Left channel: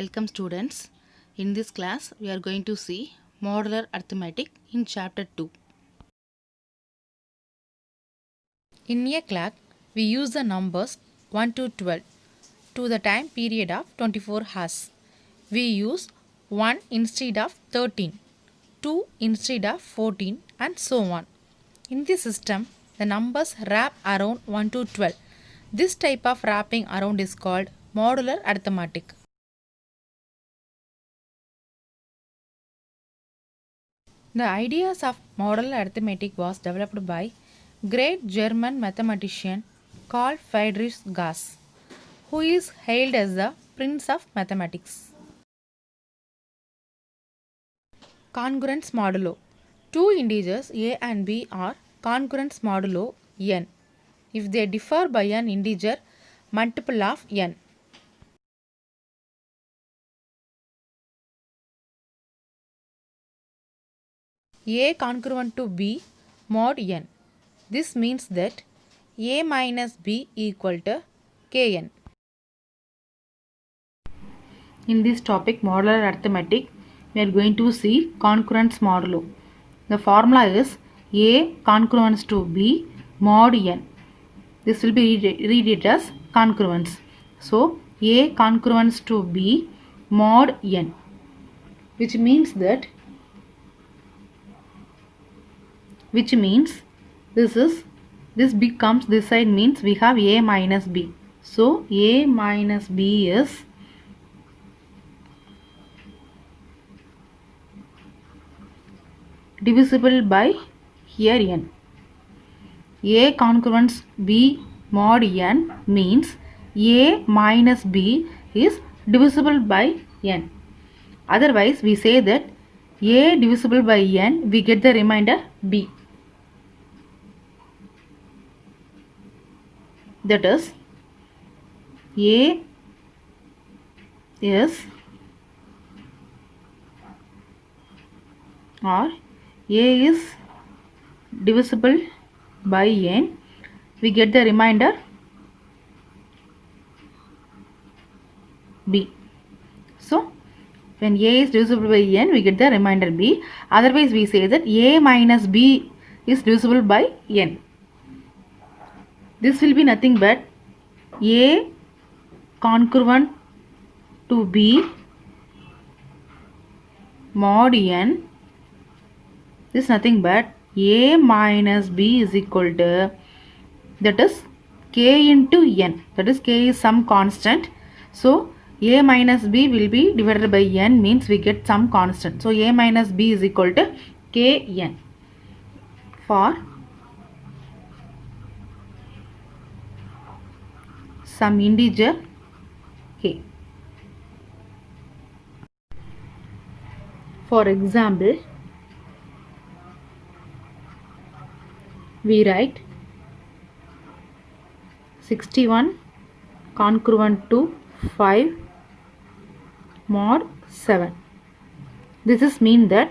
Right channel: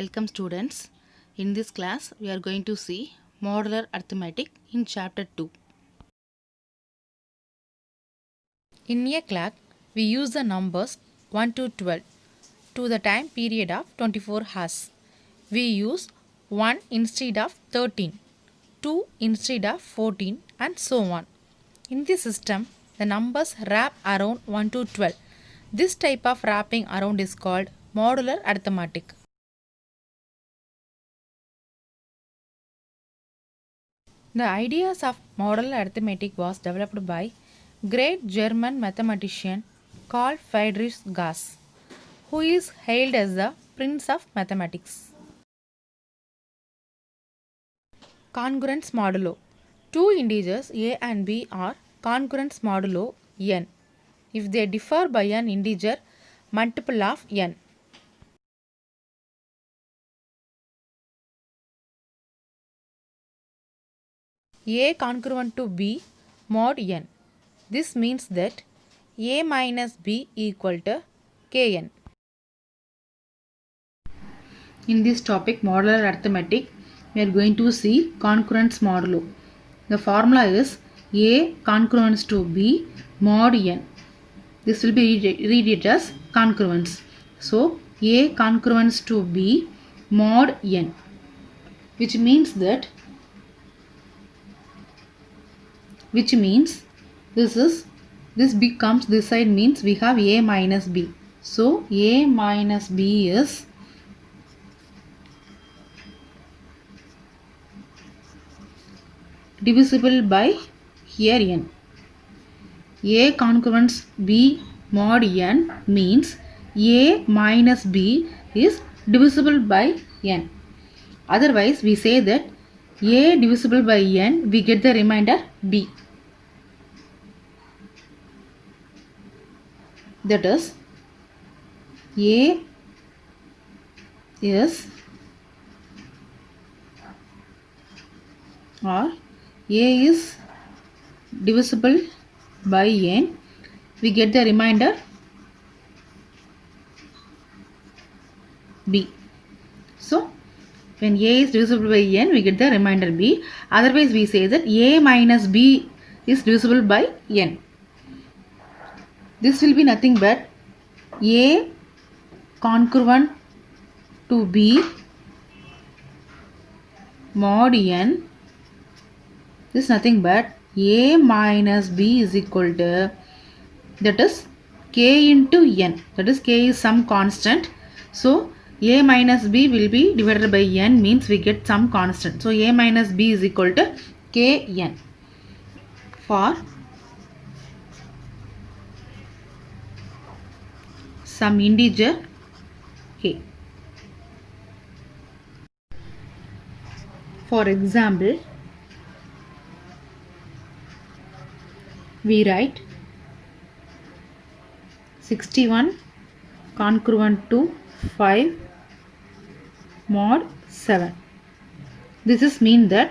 Welcome students. In this class we are going to see modular arithmetic in chapter 2. In a clock we use the numbers 1 to 12 to the time period of 24 hours. We use 1 instead of 13, 2 instead of 14 and so on. In this system the numbers wrap around 1 to 12. This type of wrapping around is called modular arithmetic. The ideas of modular arithmetic was developed by great German mathematician Carl Friedrich Gauss, who is hailed as the prince of mathematics. Congruence modulo. Two integers a and b are congruence modulo n if they differ by an integer multiple of n. A congruent to b mod n. This means that a minus b equal to kn. In this topic modular arithmetic, we are going to see congruence modulo. The formula is a congruence to b mod n. This will be read it as congruence. So a congruence to b mod n, which means this becomes, this side means we have a minus b. So a minus b is divisible by here n. A congruence b mod n means a minus b is divisible by n. Otherwise we say that a divisible by n, we get the remainder b. That is a is or a is divisible by n, we get the remainder b. So when a is divisible by n, we get the remainder b. Otherwise we say that a minus b is divisible by n. This will be nothing but a congruent to b mod n. This is nothing but a minus b is equal to, that is k into n. That is k is some constant. So a minus b will be divided by n, means we get some constant. So a minus b is equal to kn for some integer a. For example, we write 61 congruent to 5 mod 7. This is mean that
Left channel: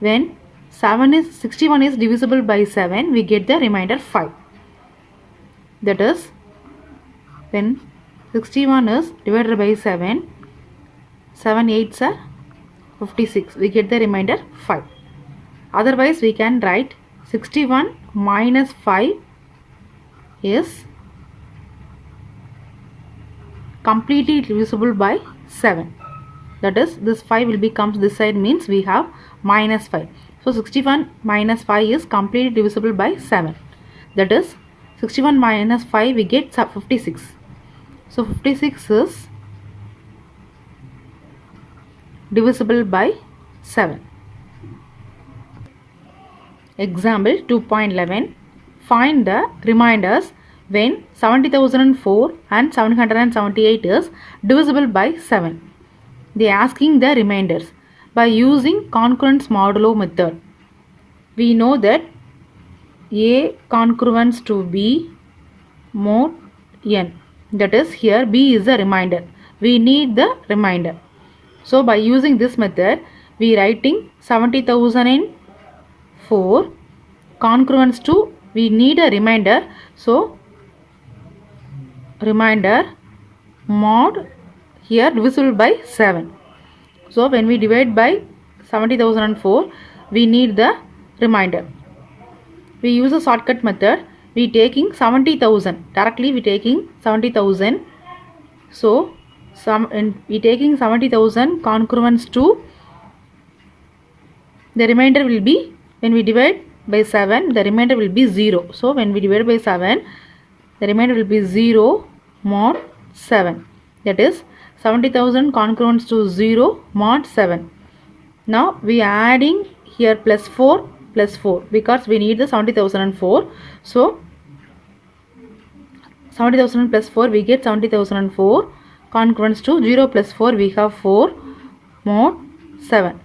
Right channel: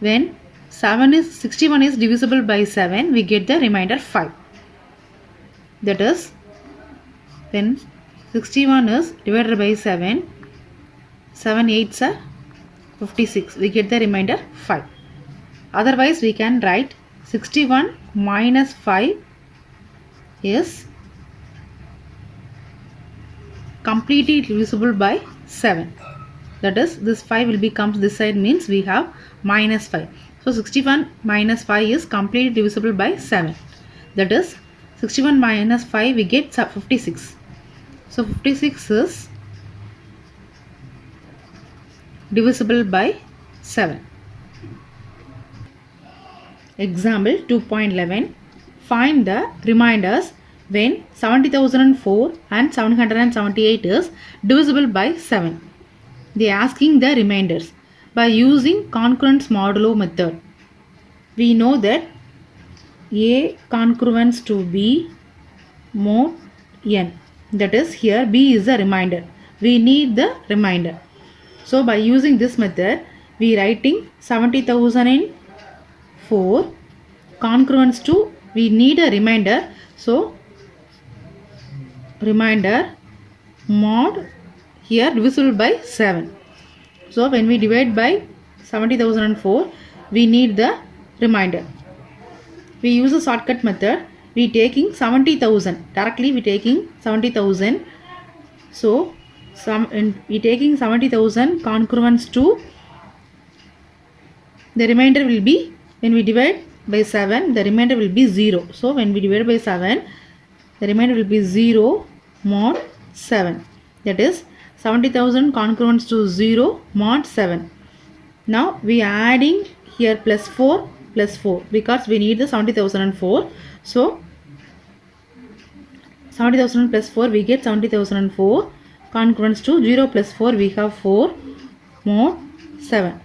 when 61 is divisible by 7, we get the remainder 5. That is, when 61 is divided by 7, 7 8s are 56, we get the remainder 5. Otherwise we can write 61 minus 5 is completely divisible by 7. That is, this 5 will become this side, means we have minus 5. So 61 minus 5 is completely divisible by 7. That is, 61 minus 5 we get 56. So 56 is divisible by 7. Example 2.11. Find the remainders when 70,004 and 778 is divisible by 7. They are asking the remainders by using congruence modulo method. We know that a congruence to b mod n. That is, here b is the remainder. We need the remainder. So by using this method, we writing 70,004 congruence to, we need a remainder. So remainder mod here divisible by 7. So when we divide by 70,004, we need the remainder. We use a shortcut method. We taking 70,000 directly. We taking 70,000. So we taking 70,000 congruence to the remainder will be, when we divide by 7, the remainder will be 0. So when we divide by 7, the remainder will be 0 mod 7. That is 70,000 congruence to 0 mod 7. Now we are adding here plus 4 because we need the 70,004. So 70,000 plus 4, we get 70,004 congruence to 0 plus 4, we have 4 mod 7.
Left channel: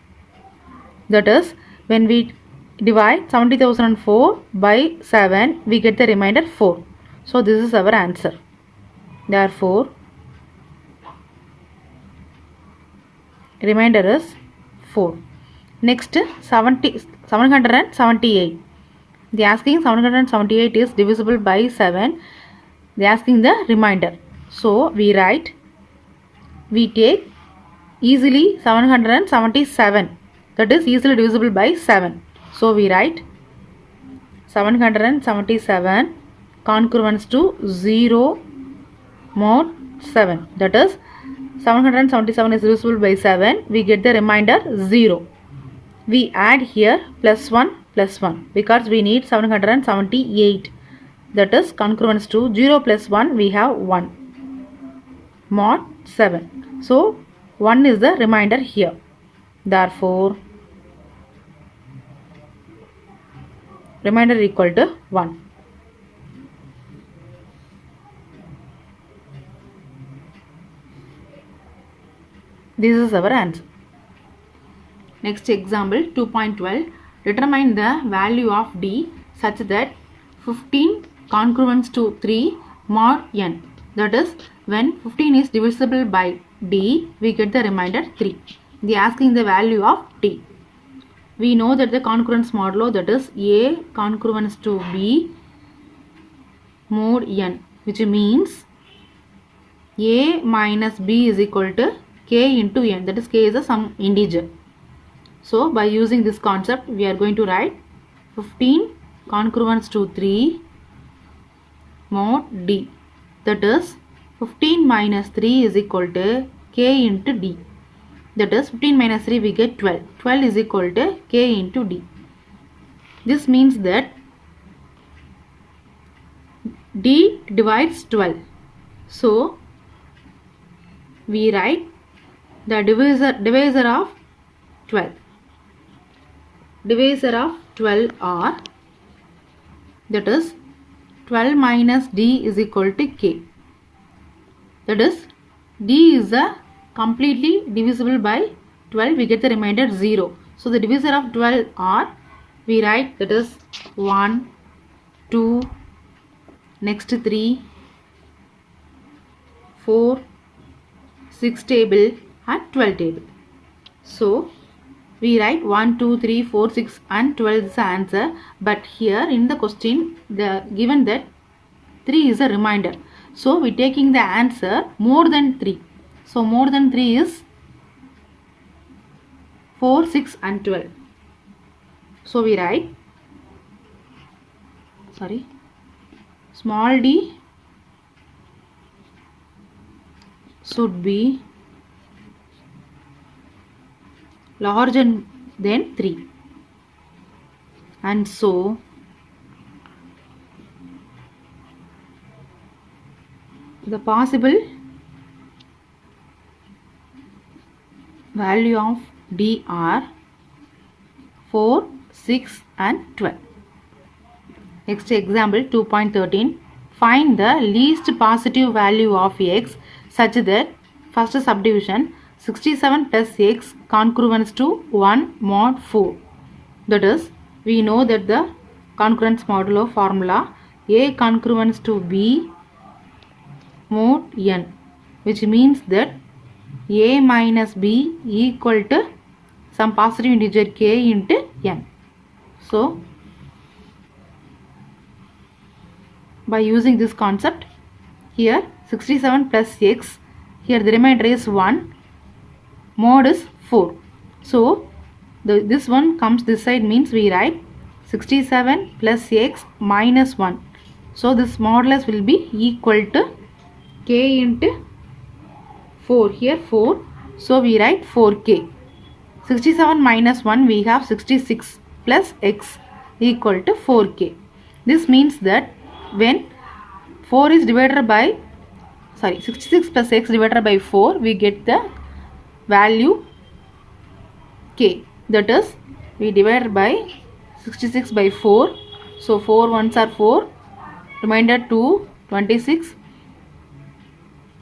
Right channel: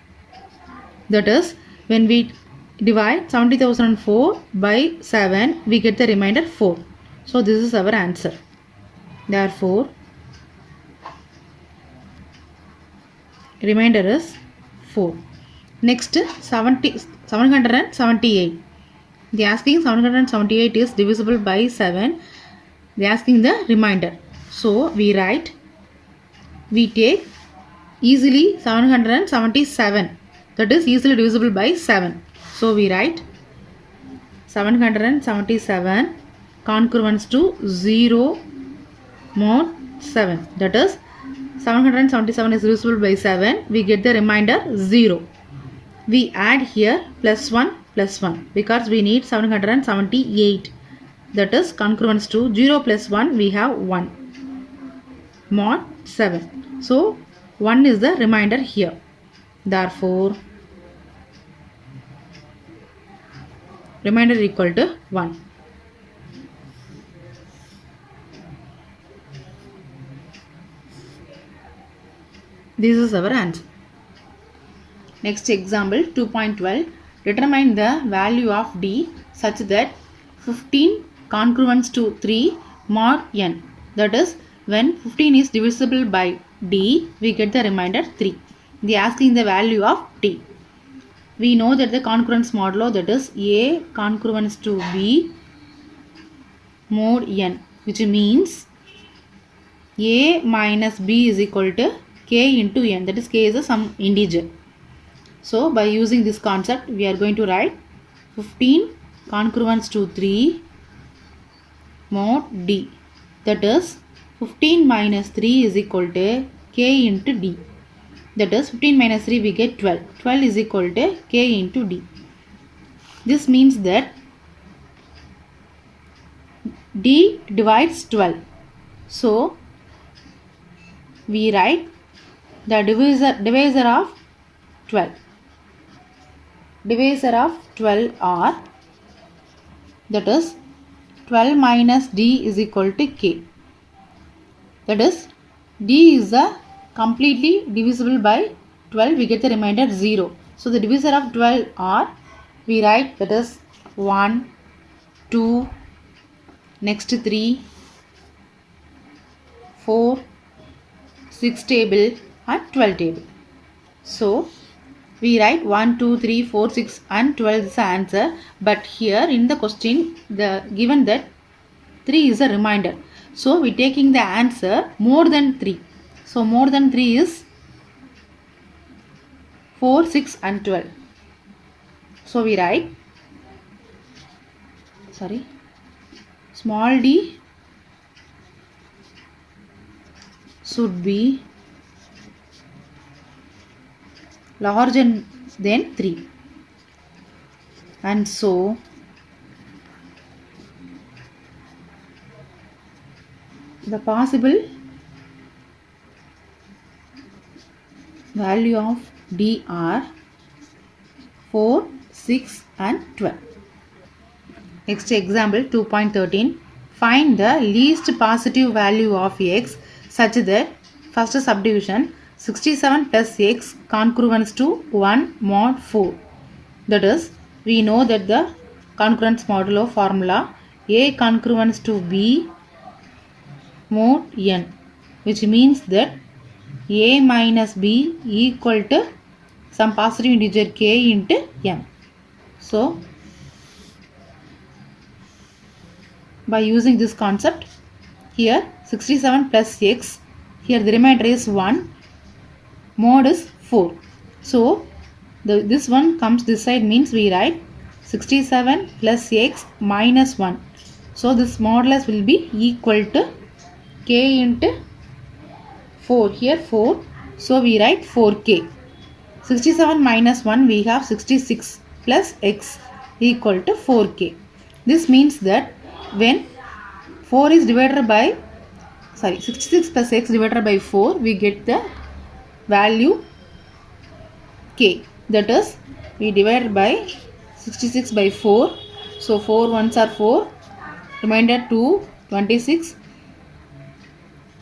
That is, when we divide 70,004 by 7, we get the remainder 4. So this is our answer. Therefore, remainder is 4. Next, 778. They are asking 778 is divisible by 7. They are asking the remainder. So we write, we take easily 777. That is easily divisible by 7. So we write 777 congruence to 0 mod 7. That is 777 is divisible by 7. We get the remainder 0. We add here plus 1 because we need 778. That is congruence to 0 plus 1, we have 1 mod 7. So 1 is the remainder here. Therefore, remainder equal to 1. This is our answer. Next example 2.12. Determine the value of D such that 15 congruence to 3 mod n. That is, when 15 is divisible by D, we get the remainder 3. They are asking the value of D. We know that the congruence modulo, that is A congruence to B mod n, which means A minus B is equal to K into n. That is, K is some integer. So by using this concept, we are going to write 15 congruence to 3 mod D. That is, 15 minus 3 is equal to K into D. That is, 15 minus 3, we get 12. 12 is equal to K into D. This means that D divides 12. So we write the divisor of 12. Divisor of 12 are, that is, 12 minus D is equal to K. That is, D is a completely divisible by 12, we get the remainder 0. So the divisor of 12 are, we write, that is 1, 2, next 3, 4, 6 table and 12 table. So we write 1, 2, 3, 4, 6 and 12 is the answer. But here in the question, given that 3 is a remainder. So we taking the answer more than 3. So more than 3 is 4, 6 and 12. So we write, small d should be larger than 3. And so the possible value of D are 4, 6 and 12. Next example 2.13. Find the least positive value of x such that first subdivision 67 plus x congruence to 1 mod 4. That is, we know that the congruence modulo formula A congruence to B mod n, which means that A minus B equal to some positive integer k into n. So by using this concept, here 67 plus x, here the remainder is 1, mod is 4. So this one comes this side, means we write 67 plus x minus 1. So this modulus will be equal to k into 4, here 4. So we write 4k. 67 minus 1, we have 66 plus x equal to 4k. This means that when 4 is divided by 66 plus x divided by 4, we get the value k. That is, we divide by 66 by 4. So 4 ones are 4, remainder 2, 26,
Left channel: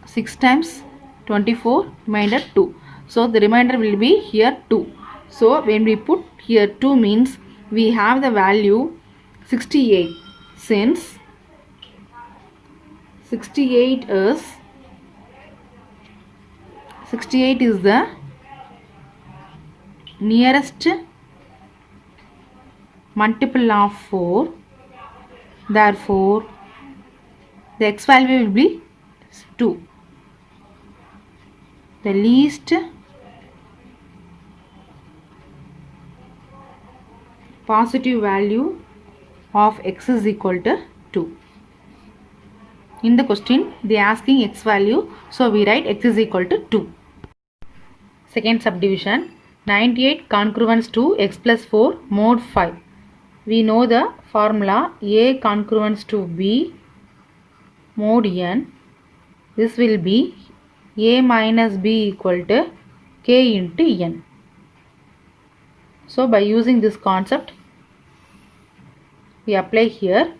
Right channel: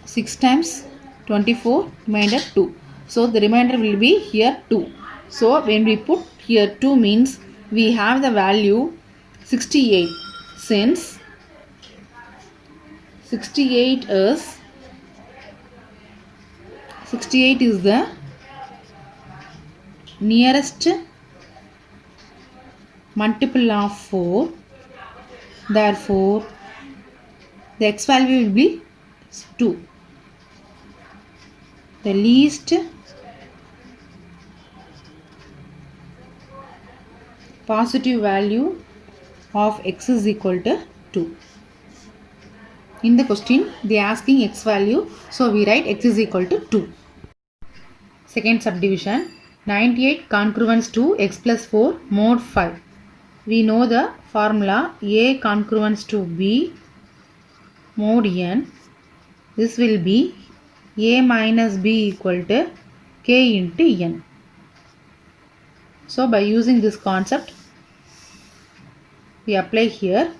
6 times 24, remainder 2. So the remainder will be here 2. So when we put here 2 means we have the value 68. Since 68 is the nearest multiple of 4, therefore the x value will be 2. The least positive value of x is equal to 2. In the question they are asking x value, so we write x is equal to 2. Second subdivision, 98 congruence to x plus 4 mod 5. We know the formula a congruence to b mod n. This will be a minus b equal to k into n. So by using this concept we apply here.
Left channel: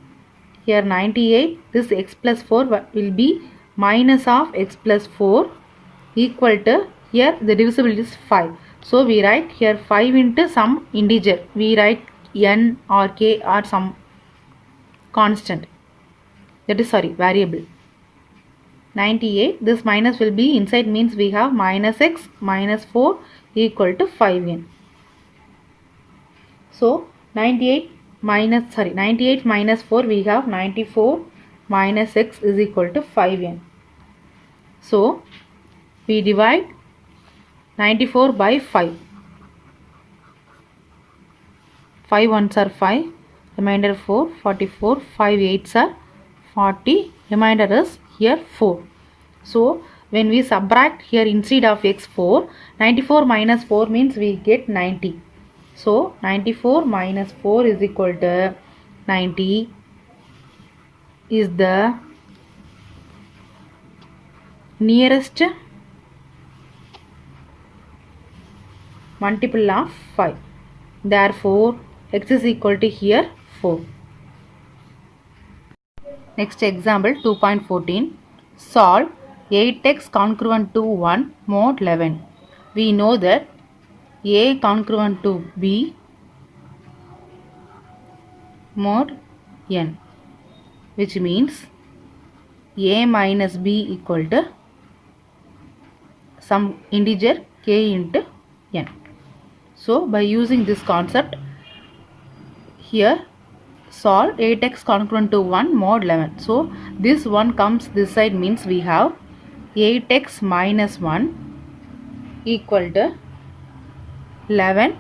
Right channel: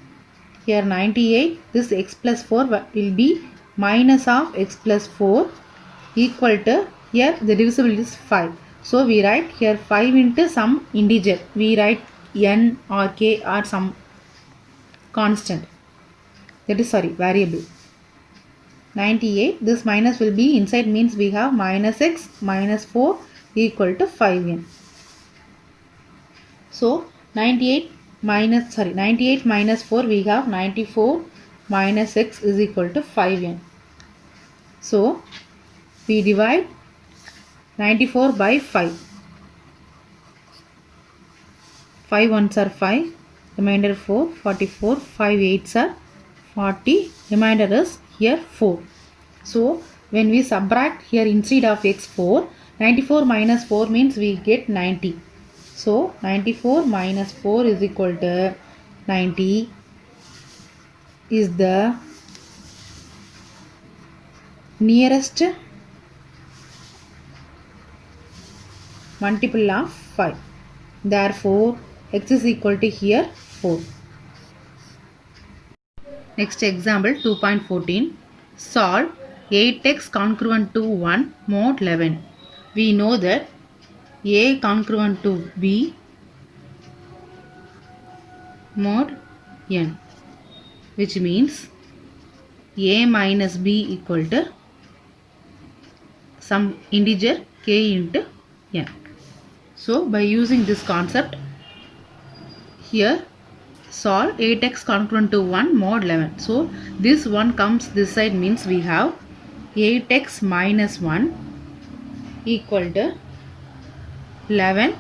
Here 98, this x plus 4 will be minus of x plus 4 equal to, here the divisible is 5. So we write here 5 into some integer. We write n or k or some constant. That is variable. 98, this minus will be inside, means we have minus x minus 4 equal to 5n. So 98 minus 4, we have 94 minus x is equal to 5n. So we divide 94 by 5. 5 ones are 5, remainder 4, 44, 5 eights are 40, remainder is here 4. So when we subtract here instead of x 4, 94 minus 4 means we get 90. So 94 minus 4 is equal to 90 is the nearest multiple of 5. Therefore x is equal to here 4. Next example 2.14. Solve 8x congruent to 1 mod 11. We know that a congruent to b mod n, which means a minus b equal to some integer k into n. So by using this concept, here solve 8x congruent to 1 mod 11. So this one comes this side, means we have 8x minus 1 equal to 11.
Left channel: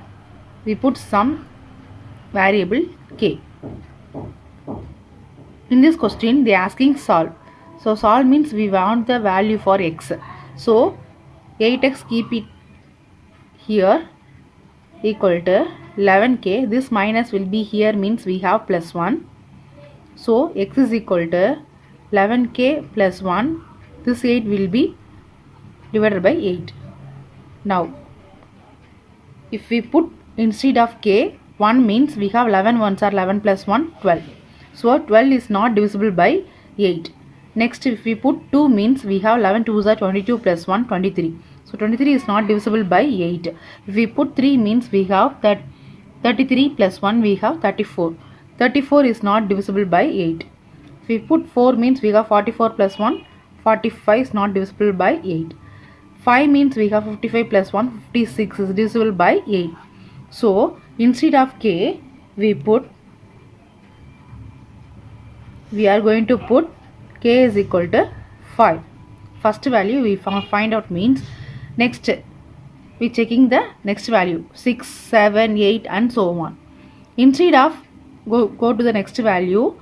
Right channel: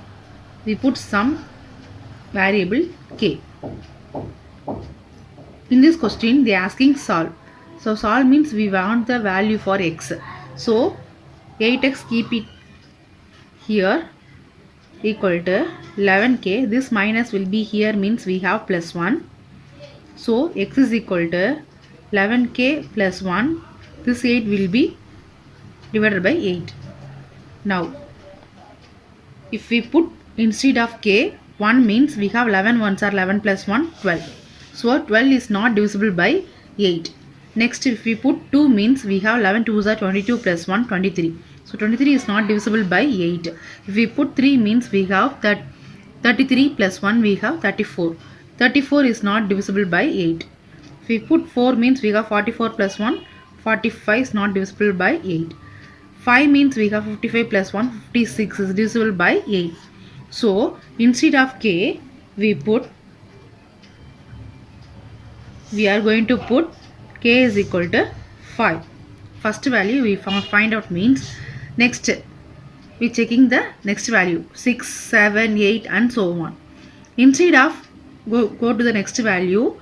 We put some variable k. In this question they are asking solve. So solve means we want the value for x. So 8x keep it here equal to 11k. This minus will be here, means we have plus 1. So x is equal to 11k plus 1. This 8 will be divided by 8. Now if we put instead of k 1, means we have 11 ones are 11 plus 1 12. So 12 is not divisible by 8. Next if we put 2, means we have 11 2s are 22 plus 1 23. So 23 is not divisible by 8. If we put 3, means we have that 33 plus 1 we have 34. 34 is not divisible by 8. If we put 4, means we have 44 plus 1 45 is not divisible by 8. 5 means we have 55 plus 1 56 is divisible by 8. So instead of k we are going to put k is equal to 5. first value we find out means next we checking the next value 6, 7, 8 and so on. Instead of go to the next value,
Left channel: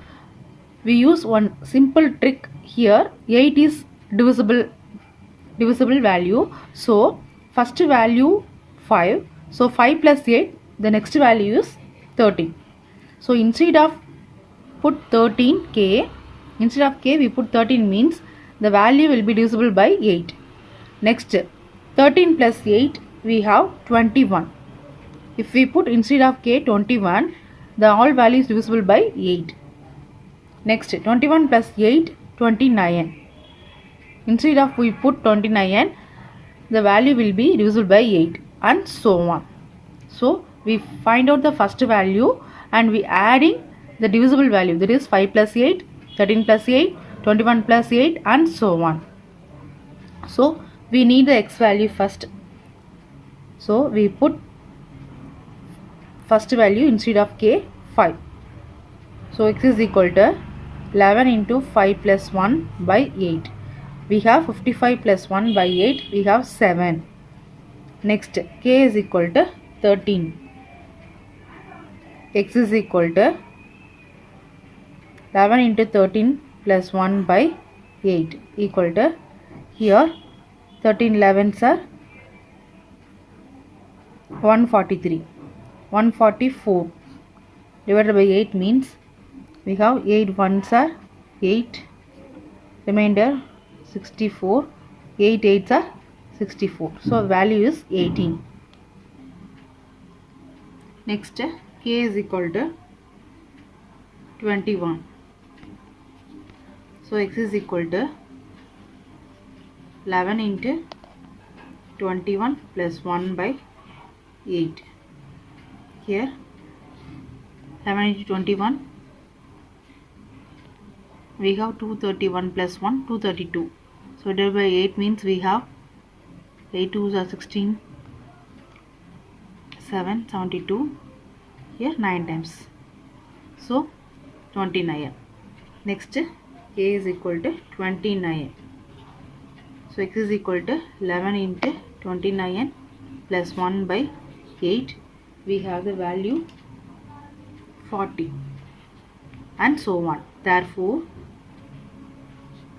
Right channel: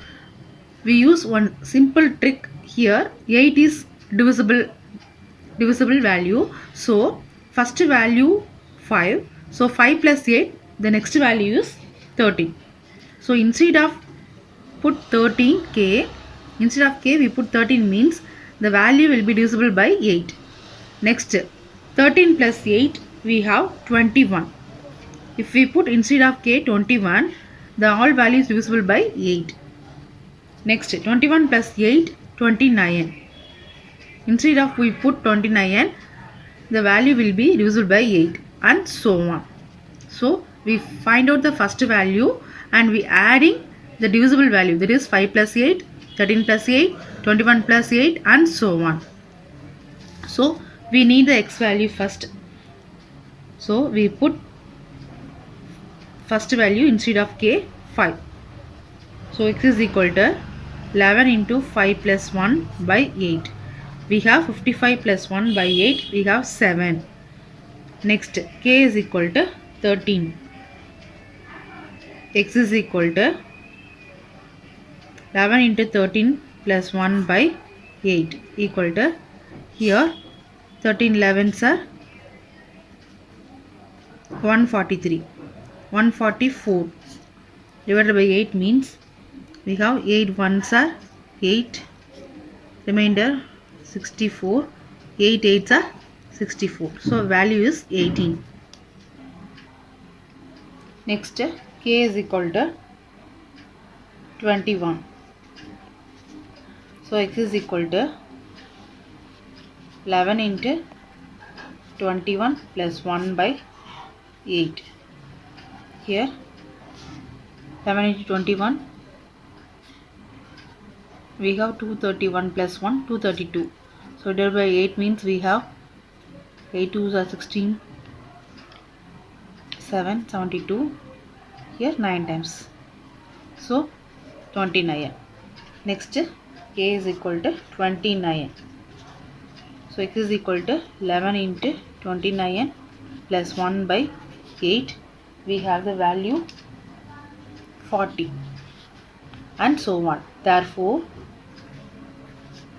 we use one simple trick here. 8 is divisible value, so first value 5, so 5 plus 8, the next value is 13. So instead of put 13k, instead of k we put 13 means the value will be divisible by 8. Next 13 plus 8 we have 21. If we put instead of k 21, the all value is divisible by 8. Next 21 plus 8 29. Instead of we put 29, the value will be divisible by 8 and so on. So we find out the first value and we adding the divisible value, that is 5 plus 8, 13 plus 8, 21 plus 8 and so on. So we need the x value first. So we put first value instead of k 5. So x is equal to 11 into 5 plus 1 by 8. We have 55 plus 1 by 8. We have 7. Next k is equal to 13. X is equal to 11 into 13 plus 1 by 8 equal to, here 13 11s are 143. 144 divided by 8 means we have 8 ones are 8, remainder 64, 8 8s are 64. So value is 18. Next k is equal to 21. So x is equal to 11 into 21 plus 1 by 8. Here 11 into 21 we have 231 plus 1 232. So divided by 8 means we have 8 2s are 16, 7 72, here 9 times, so 29. Next k is equal to 29. So x is equal to 11 into 29 plus 1 by 8. We have the value 40 and so on. Therefore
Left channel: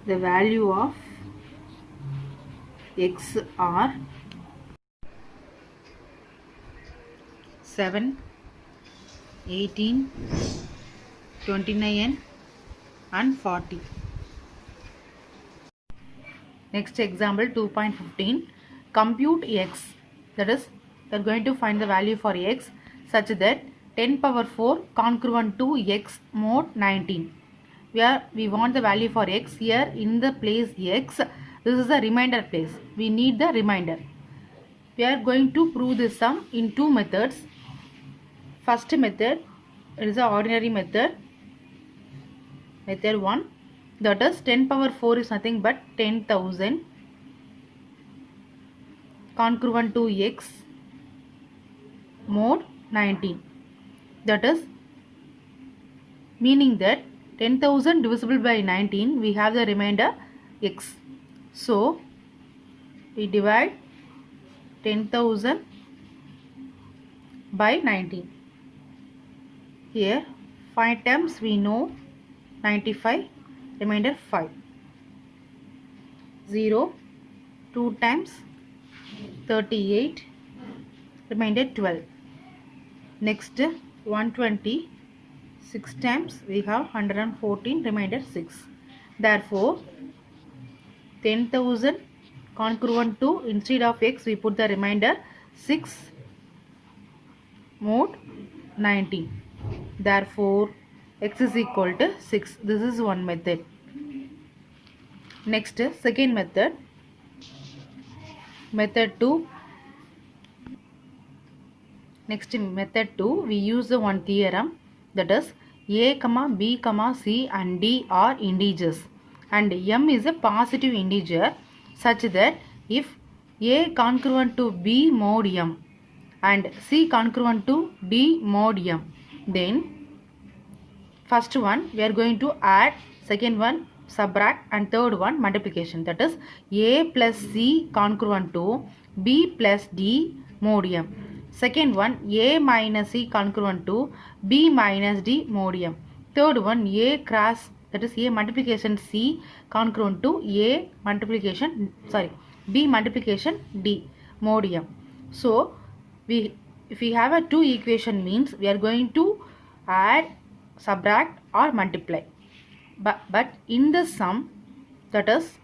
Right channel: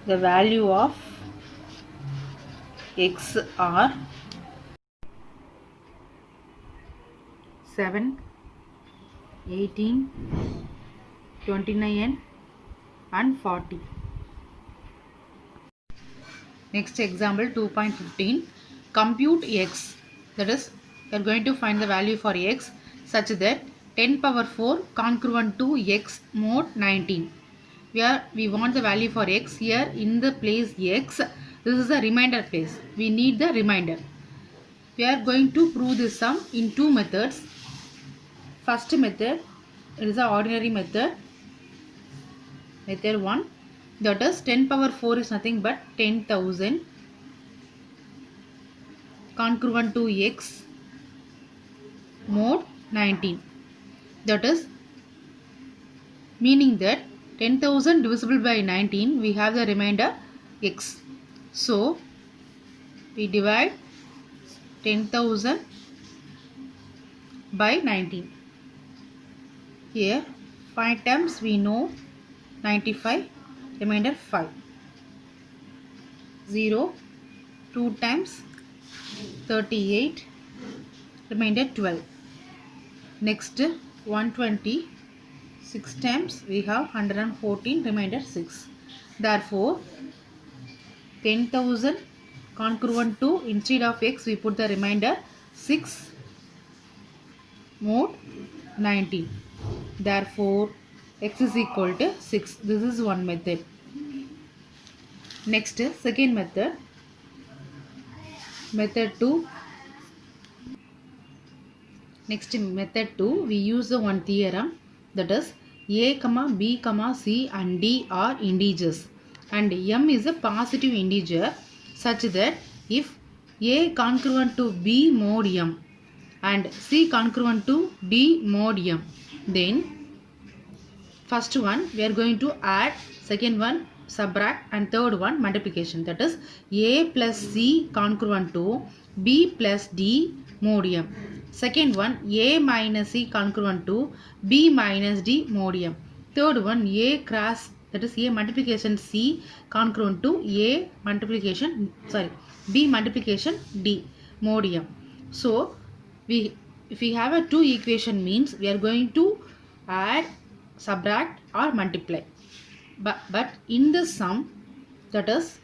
the value of x are 7, 18, 29 and 40. Next example 2.15. Compute x, that is we are going to find the value for x such that 10 power 4 congruent to x mod 19. Where we want the value for x, here in the place x, this is the remainder place, we need the remainder. We are going to prove this sum in two methods. First method, it is the ordinary method, method 1, that is 10 power 4 is nothing but 10,000 congruent to x mod 19. That is meaning that 10,000 divisible by 19, we have the remainder x. So we divide 10,000 by 19. Here 5 times we know 95, remainder 5. 0, 2 times 38, remainder 12. Next 120, 6 times we have 114, remainder 6. Therefore 10,000 congruent to, instead of x we put the remainder 6 mod 19. Therefore x is equal to 6. This is one method. Next second method, method 2. Next method 2, we use the one theorem, that is a, b, c and d are integers and m is a positive integer such that if a congruent to b mod m and c congruent to d mod m, then first one we are going to add, second one subtract, and third one multiplication, that is A plus C congruent to B plus D modium. Second one A minus C congruent to B minus D modium. Third one A cross, that is A multiplication C congruent to A multiplication, sorry, B multiplication D modium. So if we have a two equation means we are going to add, subtract or multiply. But in the sum, that is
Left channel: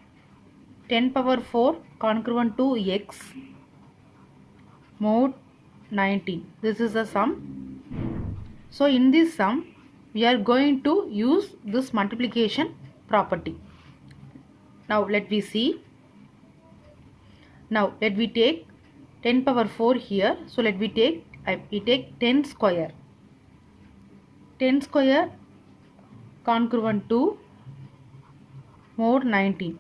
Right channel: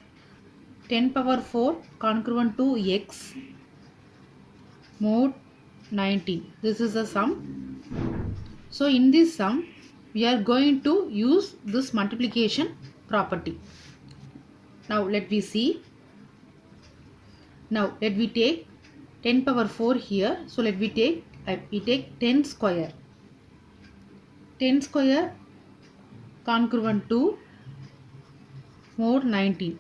10 power 4 congruent to x mod 19. This is the sum. So in this sum, we are going to use this multiplication property. Now let me see. Now let me take 10 power 4 here. So let me take, we take 10 square. 10 square congruent to mod 19.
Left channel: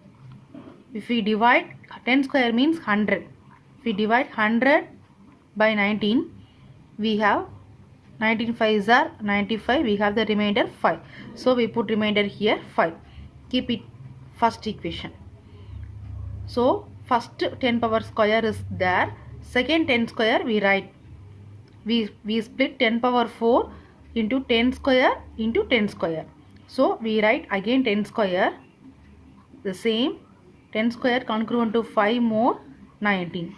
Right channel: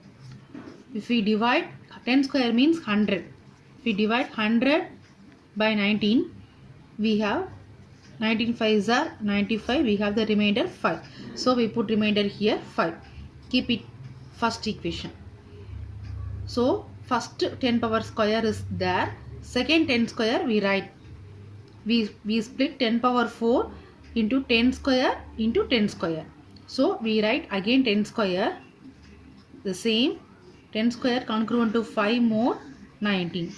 If we divide, 10 square means 100. If we divide 100 by 19, we have 19 5s are 95. We have the remainder 5. So we put remainder here 5. Keep it first equation. So first 10 power square is there. Second 10 square we write. We split 10 power 4 into 10 square into 10 square. So we write again 10 square, the same 10 square congruent to 5 mod 19.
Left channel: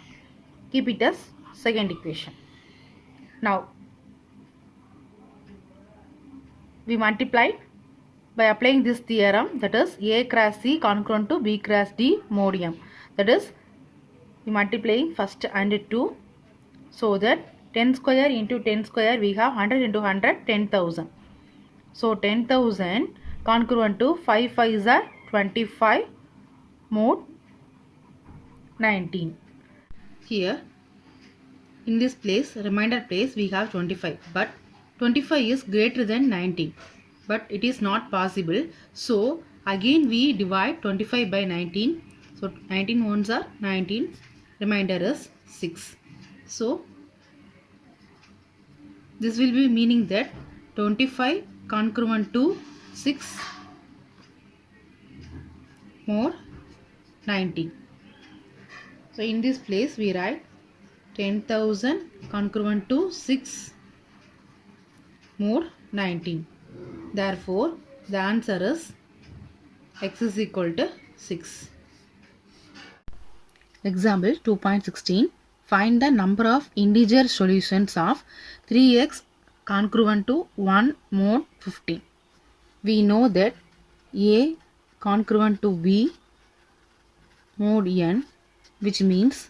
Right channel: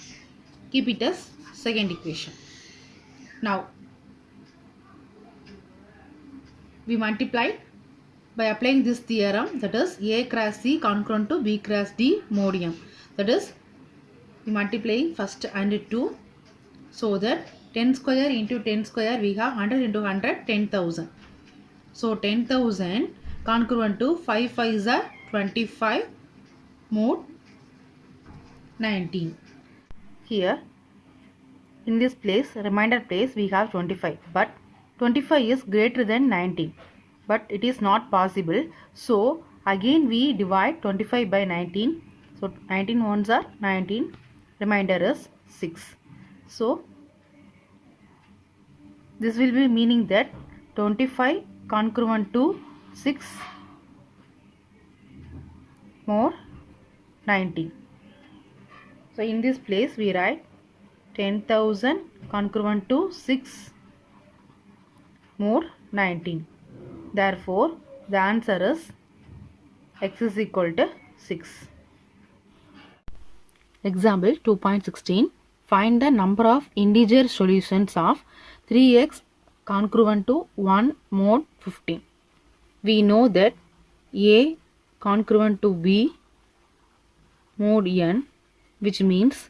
Keep it as second equation. Now we multiply by applying this theorem, that is A cross C congruent to B cross D modium. That is we multiplying first and 2, so that 10 square into 10 square we have 100 into 100, 10,000. So 10,000 congruent to 5 5s are 25 mod 19. Here in this place, remainder place, we have 25, but 25 is greater than 19, but it is not possible. So again we divide 25 by 19. So 19 ones are 19, remainder is 6. So this will be meaning that 25 congruent to 6 mod 19. So in this place we write 10,000 congruent to 6 mod 19. Therefore the answer is x is equal to 6. Example 2.16. Find the number of integer solutions of 3x congruent to 1 mod 15. We know that A congruent to B mod n, which means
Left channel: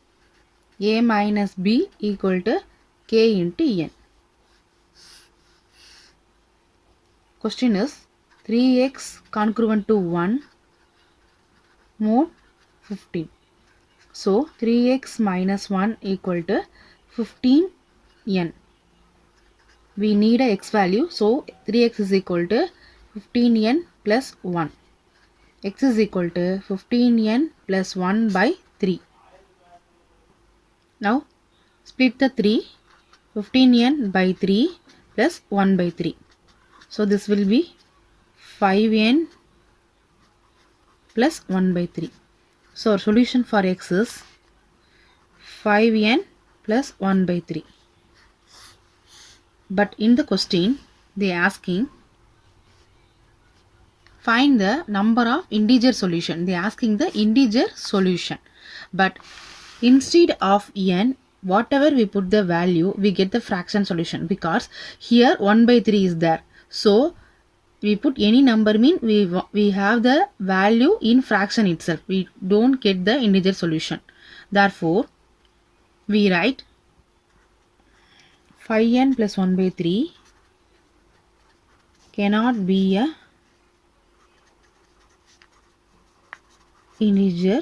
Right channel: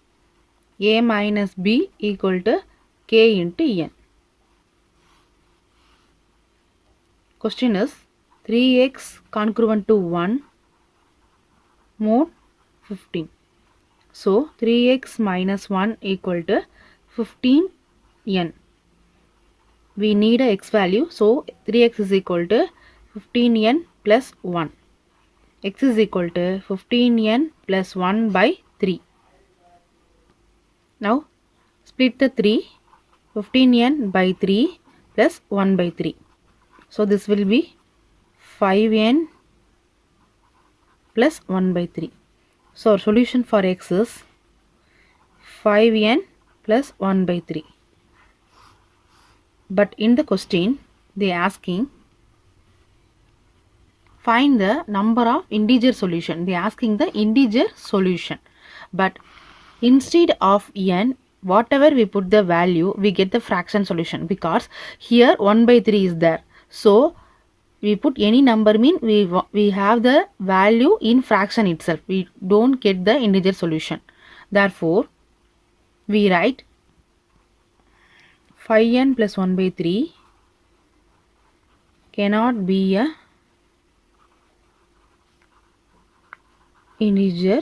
A minus B equal to K into n. Question is 3x congruent to 1 mod 15. So 3x minus 1 equal to 15n. We need a x value, so 3x is equal to 15n plus 1. X is equal to 15n plus 1 by 3. Now split the 3, 15n by 3 plus 1 by 3. So this will be 5n plus 1 by 3. So our solution for x is 5n plus 1 by 3. But in the question they are asking find the number of integer solution. They are asking the integer solution. But instead of n, whatever we put the value, we get the fraction solution, because here 1 by 3 is there. So we put any number mean we have the value in fraction itself. We don't get the integer solution. Therefore we write 5n plus 1 by 3 cannot be a integer.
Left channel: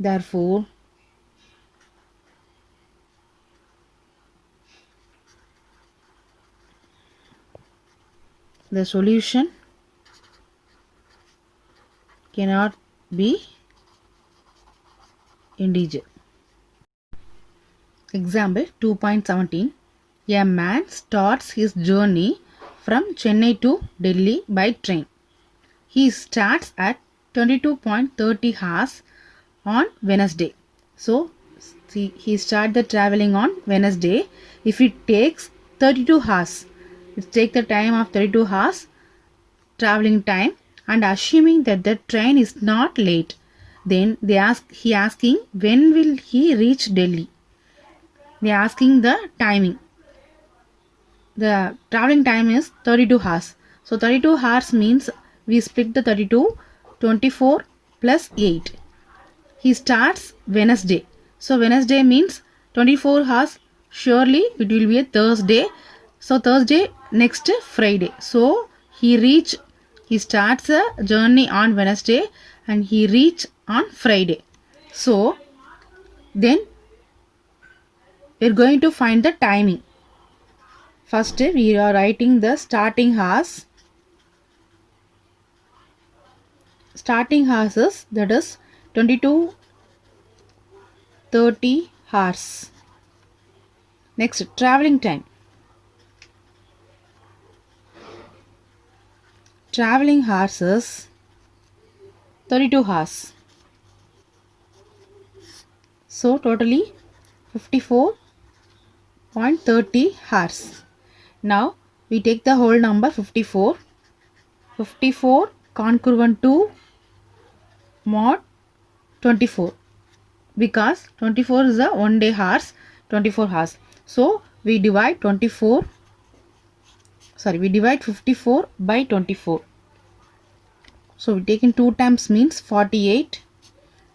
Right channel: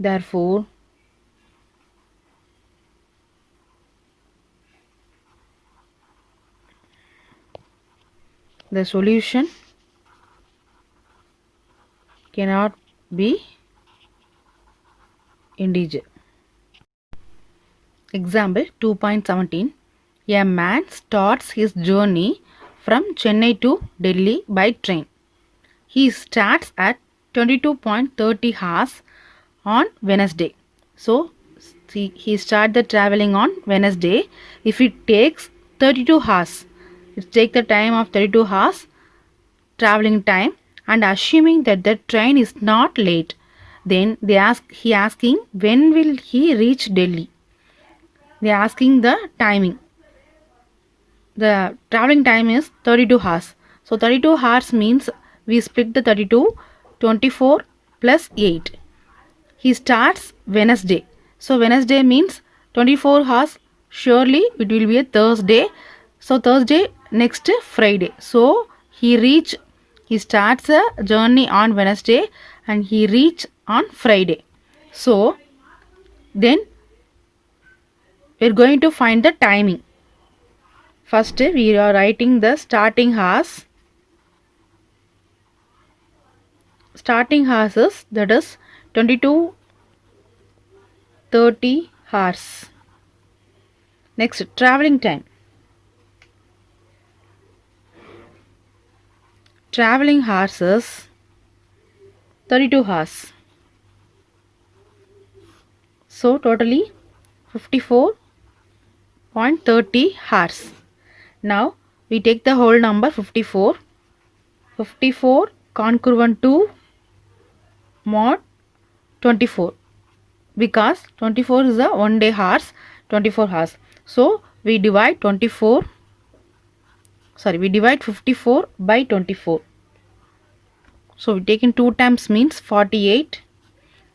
Therefore the solution cannot be integer. Example 2.17. A man starts his journey from Chennai to Delhi by train. he starts at 22.30 hours on Wednesday. So see, he started the traveling on Wednesday. If it takes 32 hours, it takes the time of 32 hours traveling time, and assuming that the train is not late, then he asking when will he reach Delhi. They are asking the timing. The traveling time is 32 hours. So 32 hours means we split the 32, 24 plus 8. He starts Wednesday. So Wednesday means 24 hours. Surely it will be a Thursday. So Thursday next Friday. So he starts a journey on Wednesday and he reach on Friday. So then we are going to find the timing. First we are writing the starting hours. Starting hours is, that is 22:30 hours. Next, traveling time. Traveling hours is 32 hours. So totally 54.30 hours. Now we take the whole number 54. 54 congruent to mod 24, because 24 is a 1 day hours, 24 hours. So we divide 54 by 24. So we take in 2 times means 48,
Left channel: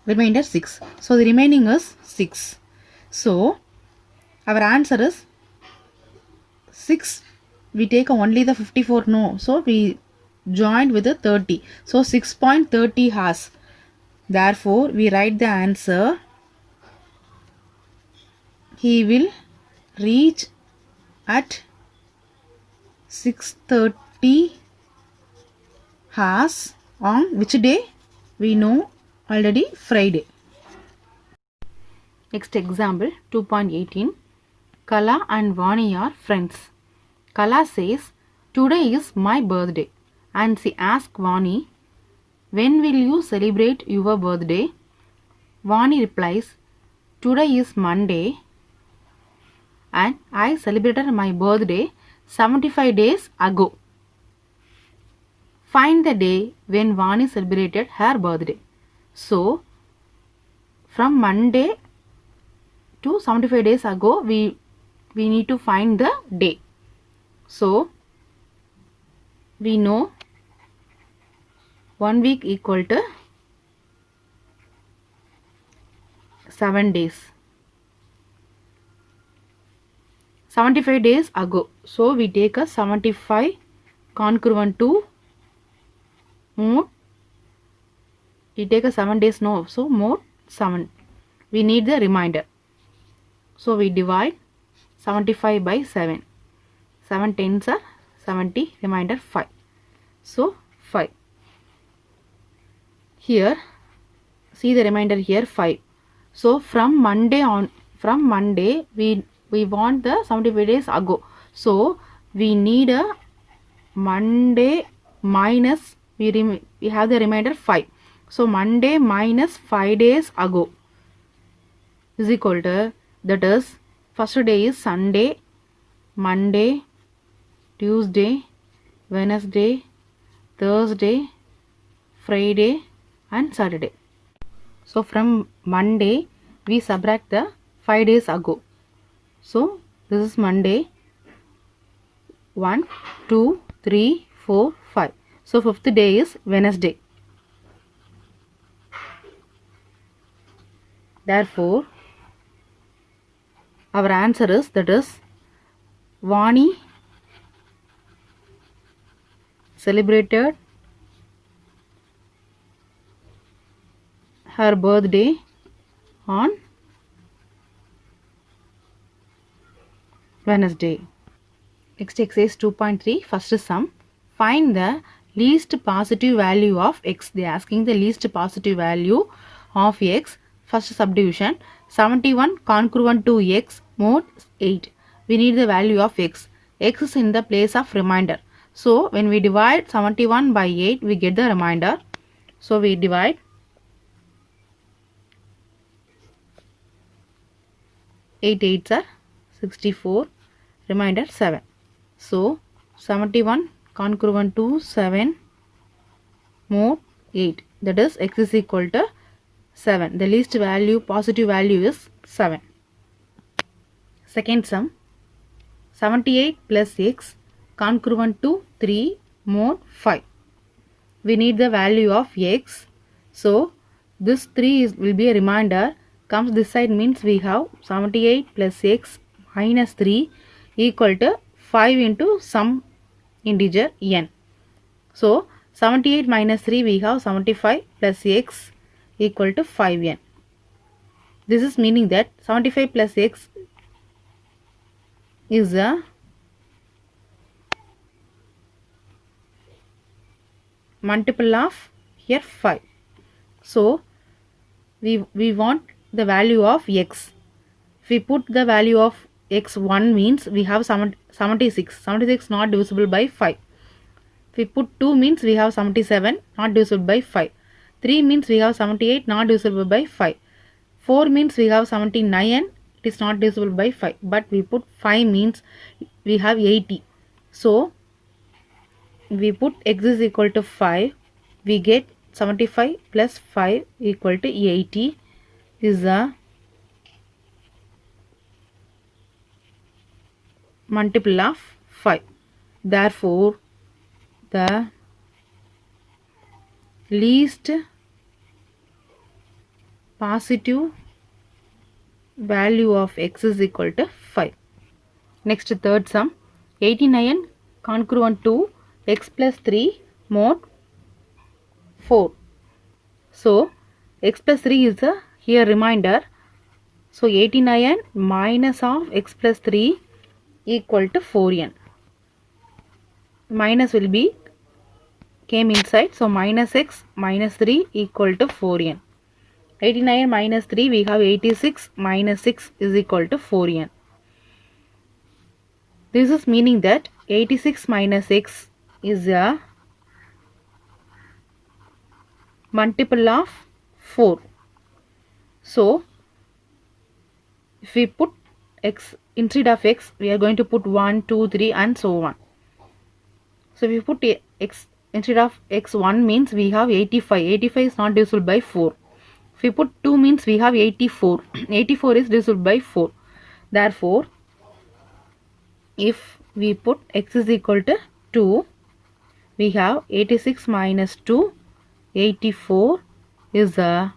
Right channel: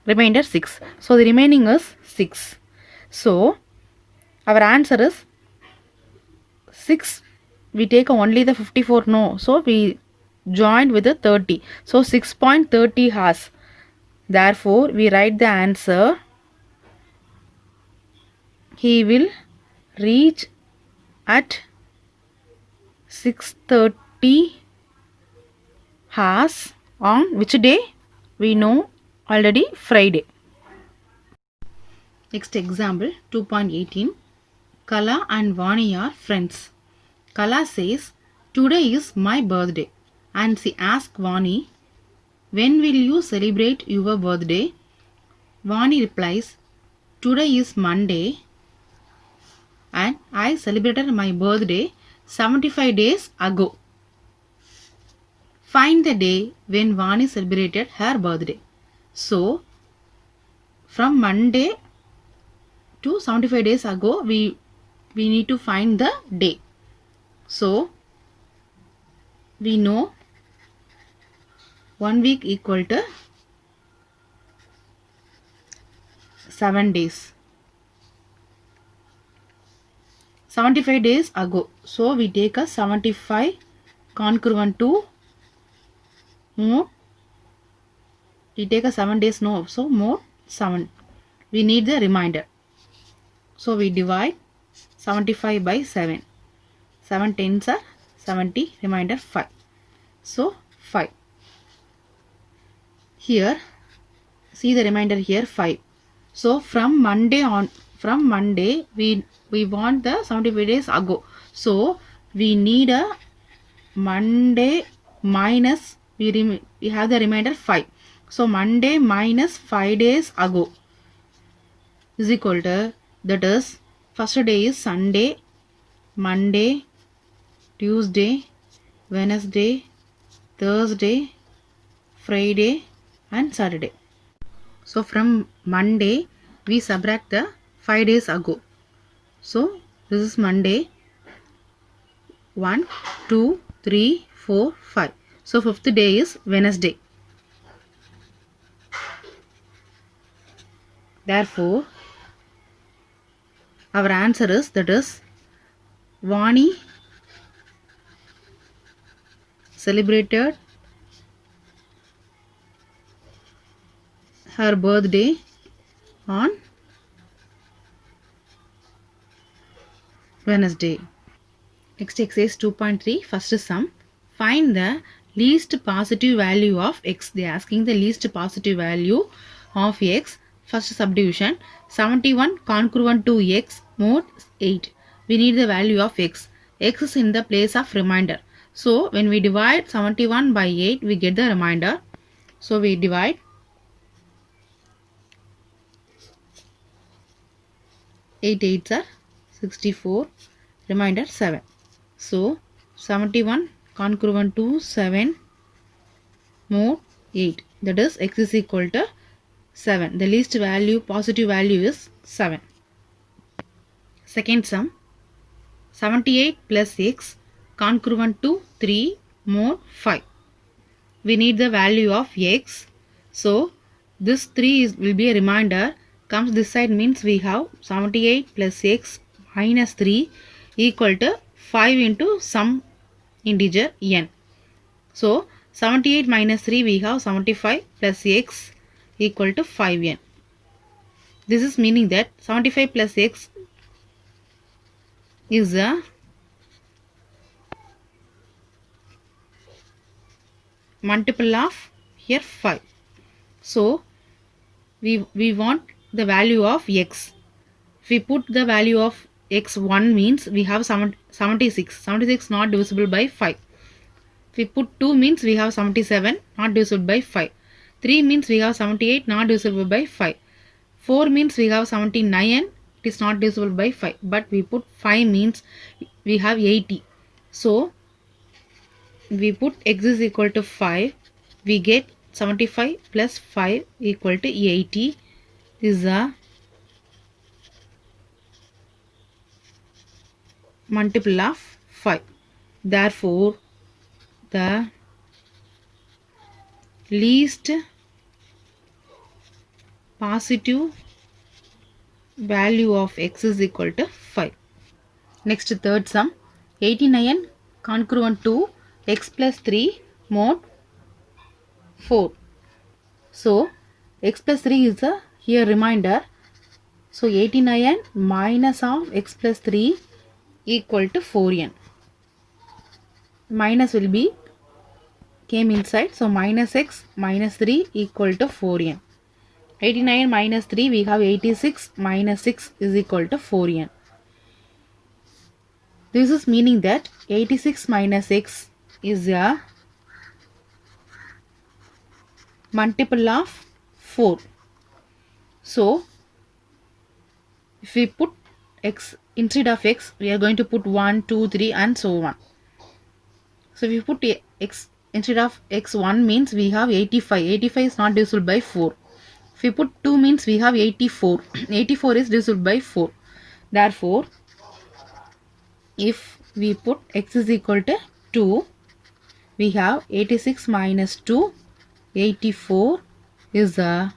remainder 6. So the remaining is 6. So our answer is 6. We take only the 54, no. So we joined with the 30. So 6.30 hours. Therefore we write the answer. He will reach at 6:30 hours on which day? We know already, Friday. Next example 2.18. Kala and Vani are friends. Kala says, today is my birthday, and she asks Vani, when will you celebrate your birthday? Vani replies, today is Monday and I celebrated my birthday 75 days ago. Find the day when Vani celebrated her birthday. So from Monday to 75 days ago, we need to find the day. So we know 1 week equal to 7 days. 75 days ago. So we take a 75 congruent to more. We take a 7 days, no. So more 7. We need the remainder. So we divide 75 by 7. 7 tens are 70, remainder 5. So 5. Here, see the remainder here 5. So from Monday we want the 75 days ago. So we need a Monday minus, we have the remainder 5. So Monday minus 5 days ago is equal to, that is, first day is Sunday, Monday, Tuesday, Wednesday, Thursday, Friday and Saturday. So from Monday we subtract the 5 days ago. So this is Monday, 1, 2, 3, 4, 5. So 5th day is Wednesday. Therefore our answer is, that is, Vani celebrated her birthday on Wednesday. Next exercise 2.3, first sum. Find the least positive value of x. They are asking the least positive value of x. First subdivision, 71 congruent to x mod 8. We need the value of x. X is in the place of remainder. So when we divide 71 by 8, we get the remainder. So we divide 8 8s are 64, remainder 7. So 71 congruent to 7 more 8, that is x is equal to 7. The least value, positive value is 7. Second sum, 78 plus x congruent to 3 more 5. We need the value of x. So this 3 will be a remainder. Comes this side means we have 78 plus x minus 3 equal to 5 into some integer n. So 78 minus 3 we have 75 plus x equal to 5n. This is meaning that 75 plus x is a multiple of here 5. So we want the value of x. If we put the value of x 1 means we have 76. 76 not divisible by 5. If we put 2 means we have 77 not divisible by 5. 3 means we have 78 not divisible by 5. 4 means we have 79, it is not divisible by 5. But we put 5 means we have 80. So we put x is equal to 5. We get 75 plus 5 equal to 80 is a multiple of 5. Therefore, the least positive value of x is equal to 5. Next, third sum, 89 congruent to x plus 3 mod 4. So x plus 3 is a here remainder. So 89 minus of x plus 3 equal to 4n. Minus will be came inside. So minus x minus 3 equal to 4n. 89 minus 3 we have 86 minus 6 is equal to 4n. This is meaning that 86 minus x is a multiple of 4. So if we put x instead of x, we are going to put 1, 2, 3 and so on. So if we put x instead of x1 means we have 85. 85 is not divisible by 4. If we put 2 means we have 84. 84 is divisible by 4. Therefore, if we put x is equal to 2, we have 86 minus 2, 84 is a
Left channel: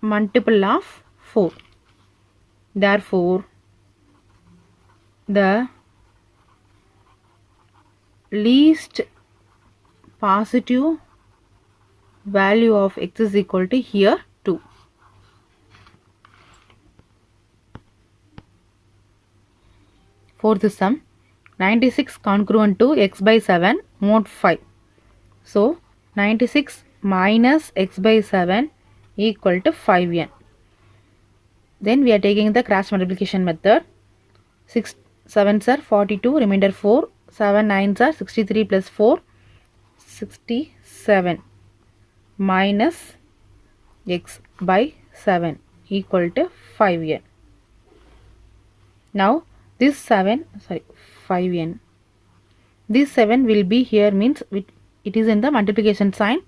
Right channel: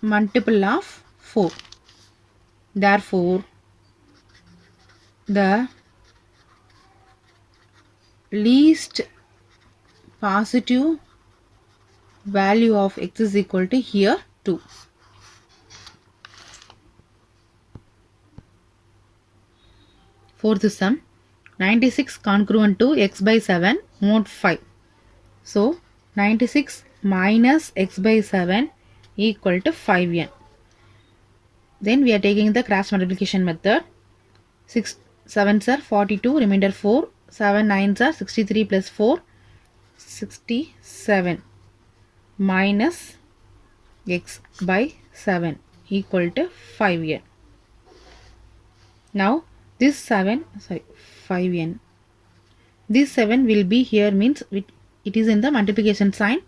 multiple of 4. Therefore, the least positive value of x is equal to here 2. Fourth sum, 96 congruent to x by 7 mod 5. So 96 minus x by 7 equal to 5n. Then we are taking the cross multiplication method. 6 7s are 42, remainder 4. 7 9s are 63 plus 4, 67 minus x by 7 equal to 5n. Now this 5n. This 7 will be here means it is in the multiplication sign.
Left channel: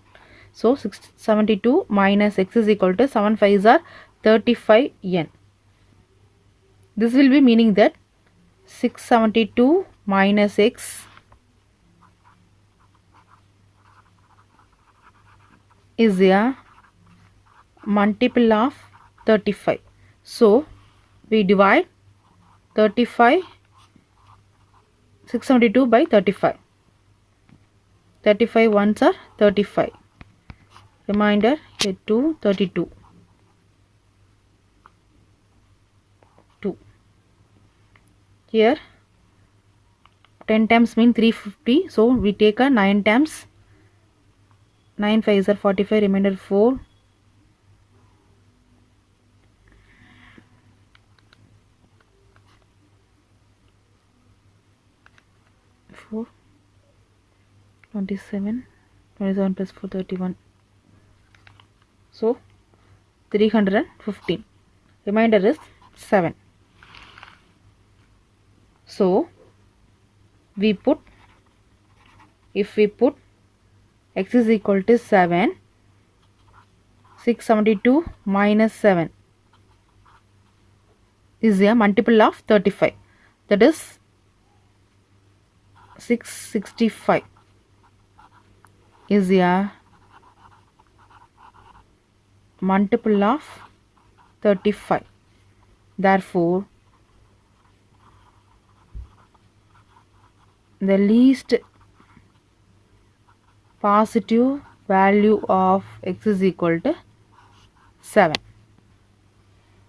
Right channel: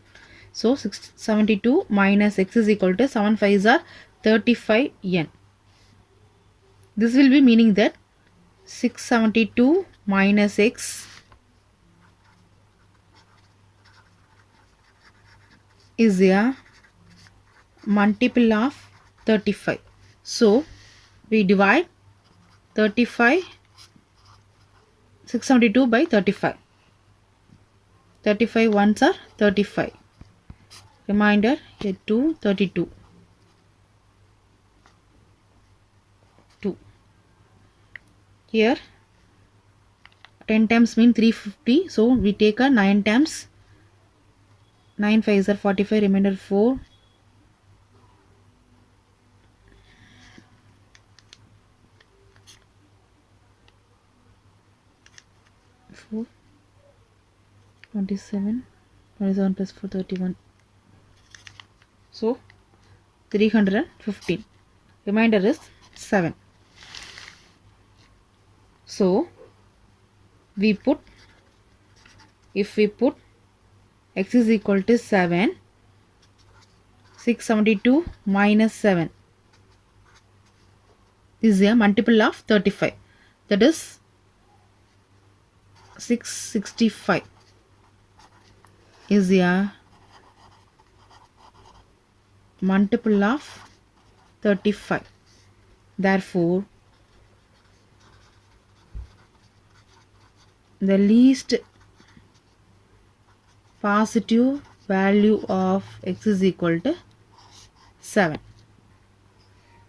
So 72 minus x is equal to 7 5s are 35n. This will be meaning that 672 minus x is a multiple of 35. So we divide 35 672 by 35. 35 ones are 35. Remainder here 2 32. 2. Here 10 times mean 350. So we take a 9 times. 9 5s are 45. Remainder 4. 27 plus 4 31. So 315. Remainder is 7. So if we put x is equal to 7, 672 minus 7 is a multiple of 35. That is 665 is a multiple of 35. Therefore, the least positive value of x is equal to 7.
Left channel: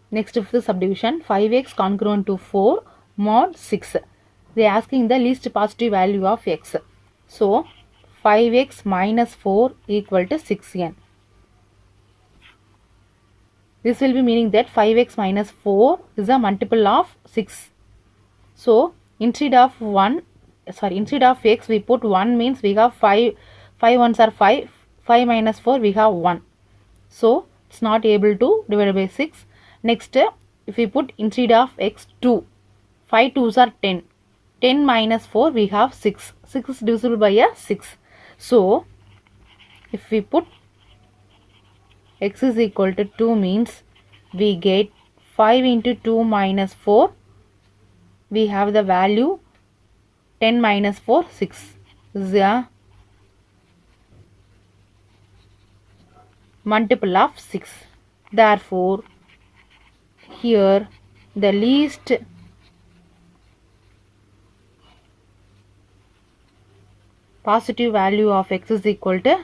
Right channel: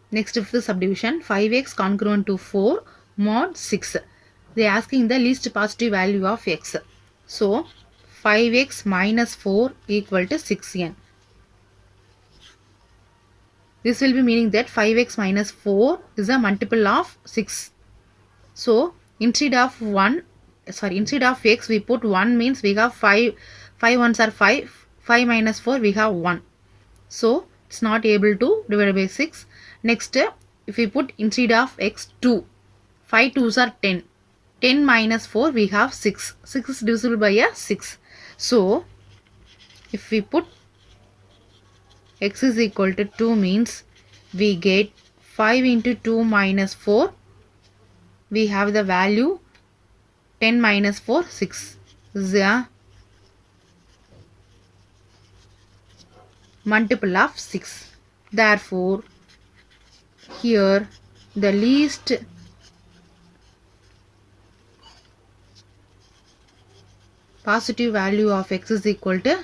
Next, fifth subdivision, 5x congruent to 4 mod 6. They are asking the least positive value of x. So 5x minus 4 equal to 6n. This will be meaning that 5x minus 4 is a multiple of 6. So instead of x we put 1, means we have 5 ones are 5, 5 minus 4 we have 1. So it's not able to divide by 6. Next, if we put instead of x 2, 5 2s are 10. 10 minus 4 we have 6. 6 is divisible by a 6. So if we put x is equal to 2, means we get 5 into 2 minus 4. We have the value 10 minus 4, 6. This is a multiple of 6. Therefore, here the least positive value of x is equal to